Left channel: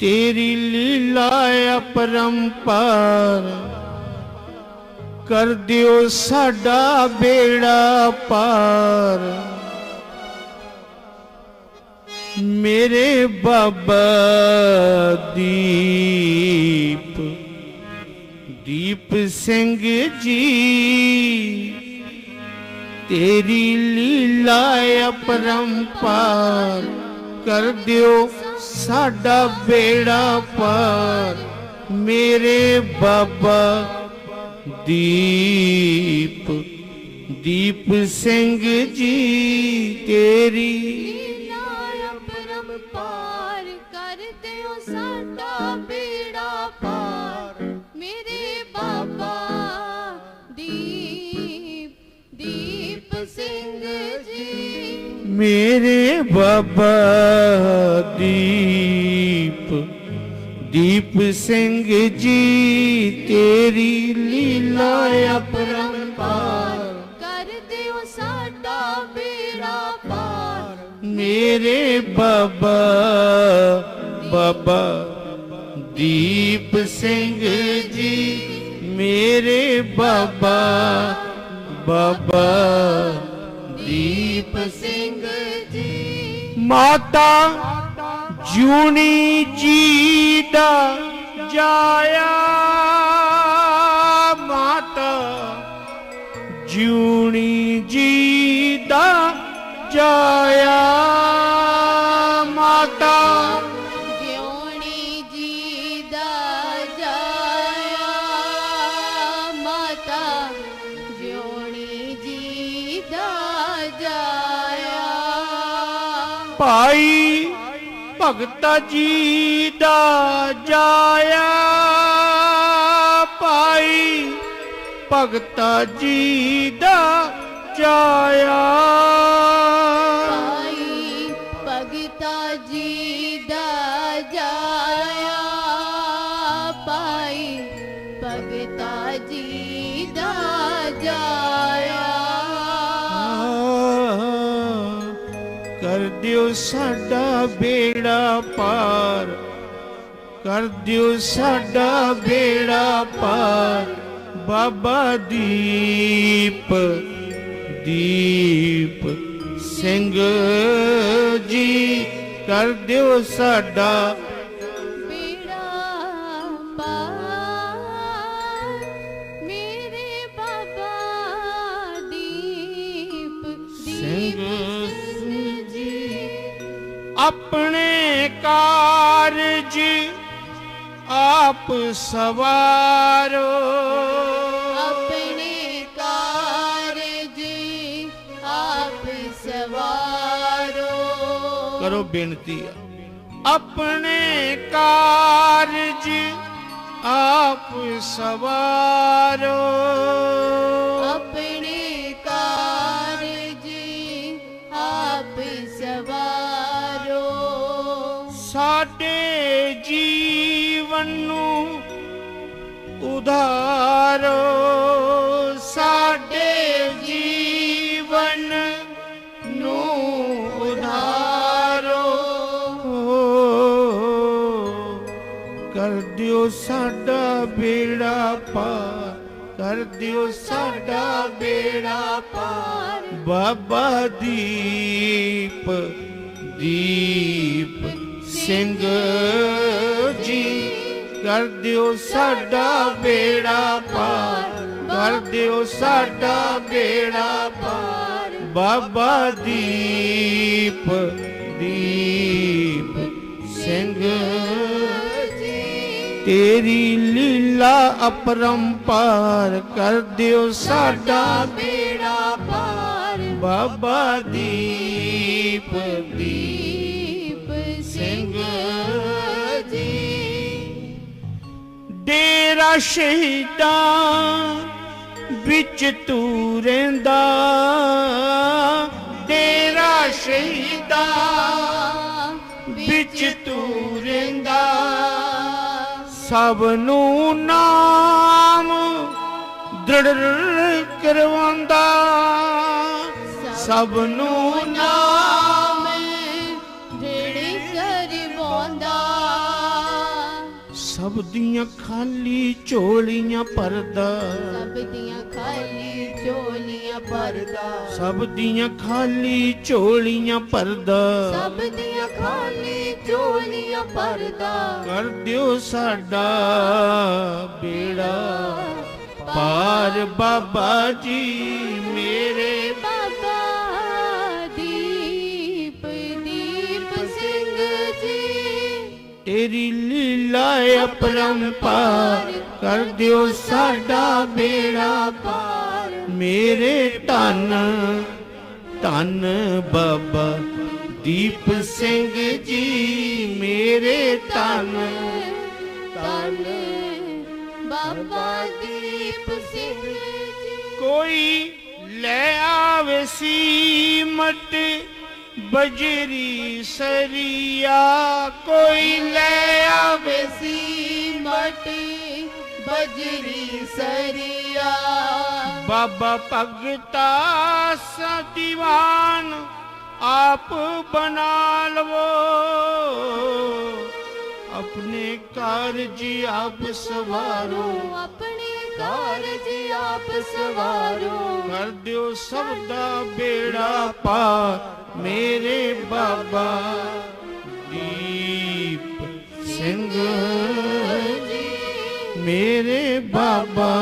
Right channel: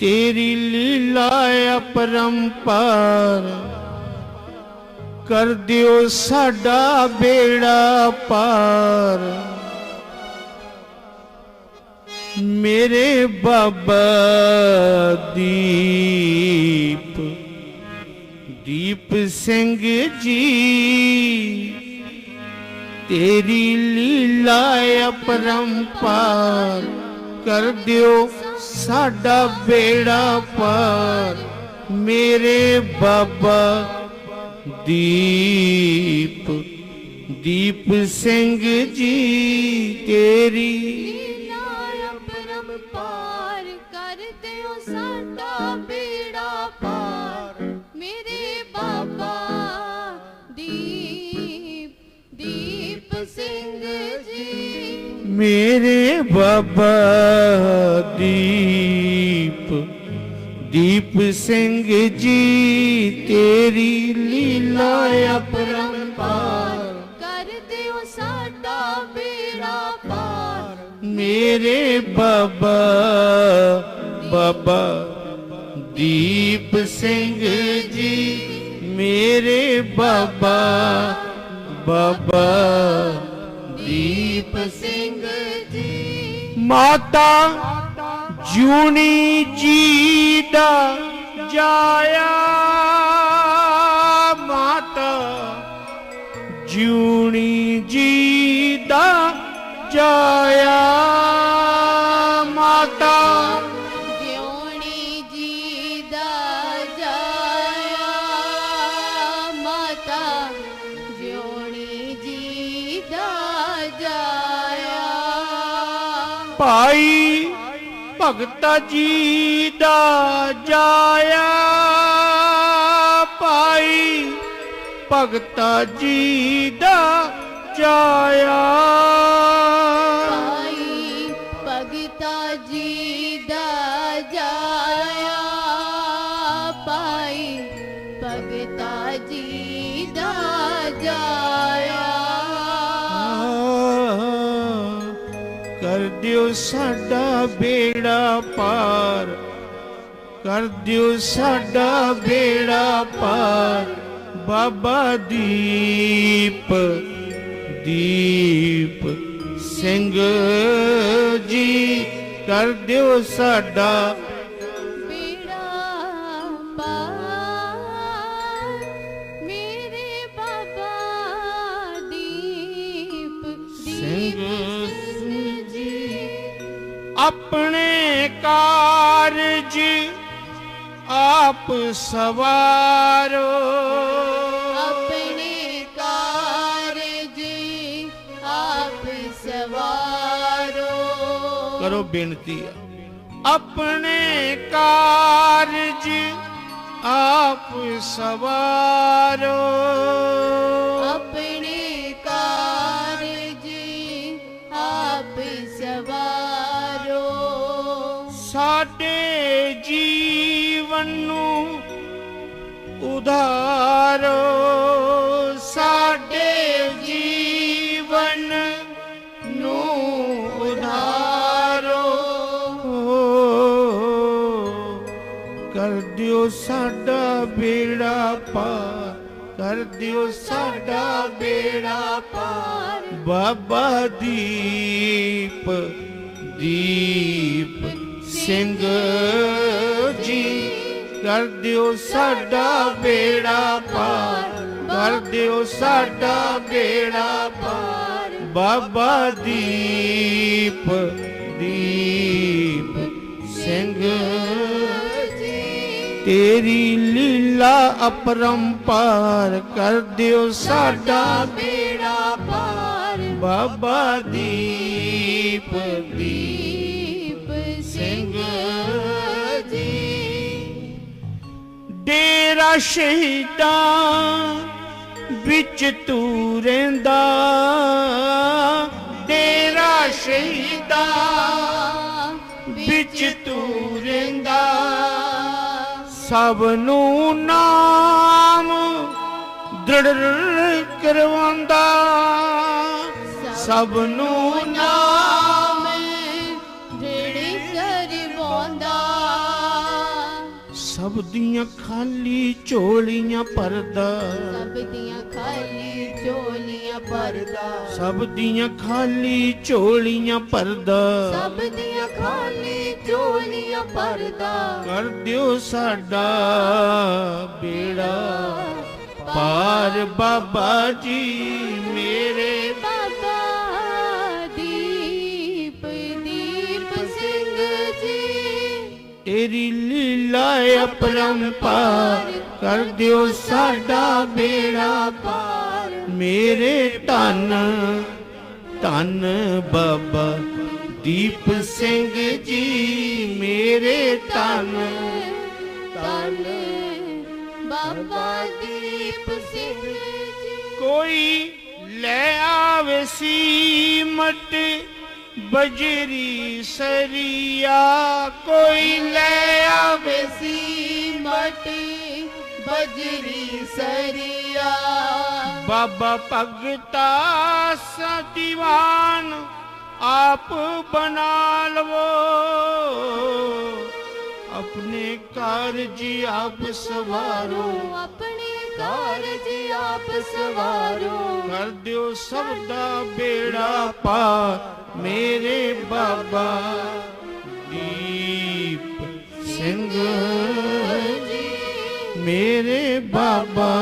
ਤੇਰੀ ਲੀਲਾ ਅਪਰੰਪਾਰ ਕਰ ਦਿਓ ਸਾਡਾ ਬੇੜਾ ਪਾਰ। ਮੇਰੇ ਬਾਬਾ ਦੀਪ ਦੀਪ ਸਿੰਘ ਜੀ, ਤੇਰੀ ਲੀਲਾ ਅਪਰੰਪਾਰ ਕਰ ਦਿਓ ਸਾਡਾ ਬੇੜਾ ਪਾਰ ਮੇਰੇ ਬਾਬਾ ਦੀਪ ਦੀਪ ਸਿੰਘ ਜੀ ਤੇਰੀ ਦੀਪ ਦੀਪ ਸਿੰਘ ਜੀ ਤੇਰੀ ਲੀਲਾ ਅਪਰੰਪਾਰ ਕਰਦੇ ਹੋ ਸਾਡਾ ਬੇੜਾ ਪਾਰ। ਮੇਰੇ ਬਾਬਾ ਬਾਬਾ ਦੀਪ ਸਿੰਘ ਜੀ ਮੇਰੇ ਬਾਬਾ ਬਾਬਾ ਦੀਪ ਸਿੰਘ ਜੀ। ਮਾਤਾ ਜੂਨੀ ਜੀ ਦਾ ਜਾਇਆ ਮਾਤਾ ਜੂਨੀ ਜੀ ਦਾ ਜਾਇਆ ਮਾਤਾ। ਜਿਉਣੀ ਜੀ ਦਾ ਜਾਇਆ ਮਾਤਾ ਜਿਉਣੀ ਜੀ ਦਾ ਜਾਇਆ। ਭਾਈ ਭਗਤਾ ਜੀ ਦਾ ਜਾਇਆ ਭਾਈ ਭਗਤਾ ਜੀ ਦਾ ਜਾਇਆ। ਭਾਈ ਭਗਤਾ ਜੀ ਦਾ ਜਾਇਆ ਭਾਈ ਭਗਤਾ ਜੀ ਦਾ ਜਾਇਆ। ਕਰ ਦਿਓ ਸਾਡਾ ਬੇੜਾ ਪਾਰ, ਕਰ ਦਿਓ ਸਾਡਾ ਬੇੜਾ ਪਾਰ। ਬਾਬਾ ਦੀਪ ਦੀਪ ਸਿੰਘ ਜੀ, ਕਰ ਦਿਓ ਸਾਡਾ ਸਵਾਰੋ। ਆਪਣੇ ਕਾਰਜ ਆਪ ਸਵਾਰੋ। ਕਰੋ ਬੇਨਤੀ ਆਪਣੇ ਕਾਰਜ ਆਪ ਸਵਾਰੋ। ਕਰ ਦਿਓ ਸਾਡਾ ਬੇੜਾ ਪਾਰ, ਕਰ ਦਿਓ ਸਾਡਾ ਬੇੜਾ ਪਾਰ। ਬਾਬਾ ਦੀਪ ਦੀਪ ਸਿੰਘ ਜੀ, ਕਰ ਦਿਓ ਸਾਡਾ ਬੇੜਾ ਪਾਰ, ਕਰ ਦਿਓ ਸਾਡਾ ਬੇੜਾ ਪਾਰ। ਬਾਬਾ ਦੀਪ ਅਪਰੰਪਾਰ ਕਰ ਦਿਓ ਸਾਡਾ ਬੇੜਾ ਪਾਰ। ਬਾਬਾ ਦੀਪ ਦੀਪ ਦੀਪ ਸਿੰਘ ਜੀ। ਡੇਰਾ ਸ਼ਹੀਦਾਂ ਵਿੱਚ ਤੂੰ ਰਹਿੰਦਾ ਡੇਰਾ ਸ਼ਹੀਦਾਂ ਵਿੱਚ ਤੂੰ ਰਹਿੰਦਾ ਸਭ ਨੂੰ ਨਾ ਦ੍ਰਿੜ ਕਰਵਾਉਂਦਾ। ਸਭ ਨੂੰ ਨਾਮ ਕਰਵਾਉਂਦਾ। ਦੀਆਂ ਖਾਲੀ ਝੋਲੀਆਂ ਭਰਦਾ। ਸਭ ਦੀਆਂ ਖਾਲੀ ਝੋਲੀਆਂ ਭਰਦਾ। ਸਭ ਦੀਆਂ ਖਾਲੀ ਝੋਲੀਆਂ ਭਰਦਾ। ਸਭ ਦੀਆਂ ਖਾਲੀ ਝੋਲੀਆਂ ਭਰਦਾ। ਕਰ ਦਿਓ ਸਾਡਾ ਬੇੜਾ। ਪਾਰ ਬਾਬਾ ਜੀ ਮੇਰੇ ਬਾਬਾ ਦੀਪ ਦੀਪ ਸਿੰਘ ਜੀ। ਤੇਰੀ ਲੀਲਾ ਅਪਰੰਪਾਰ ਕਰ ਦਿਓ ਸਾਡਾ ਬੇੜਾ ਪਾਰ। ਮੇਰੇ ਧੰਨ ਧੰਨ ਬਜਰੀ ਸਰੀਆ, ਕੋਈ ਲੈ ਆਵੇ ਸੀਮਟ। ਬਜਰੀ ਸਰੀਆ, ਬਾਬਾ ਭਗਤਾ ਸਦੀਵਾਨ ਆਪ ਬਣਾ ਲਵੋ। ਆਪਣੇ ਕਾਰਜ ਆਪ ਸਵਾਰੋ। ਆਪਣੇ ਕਾਰਜ ਆਪ ਸਵਾਰੋ। ਕਰ ਦਿਓ ਸਭ ਦਾ ਬੇੜਾ ਪਾ ਮੇਰੇ ਬਾਬਾ ਦੀਪ ਸਿੰਘ। ਜੀ। ਮੇਰੇ ਬਾਬਾ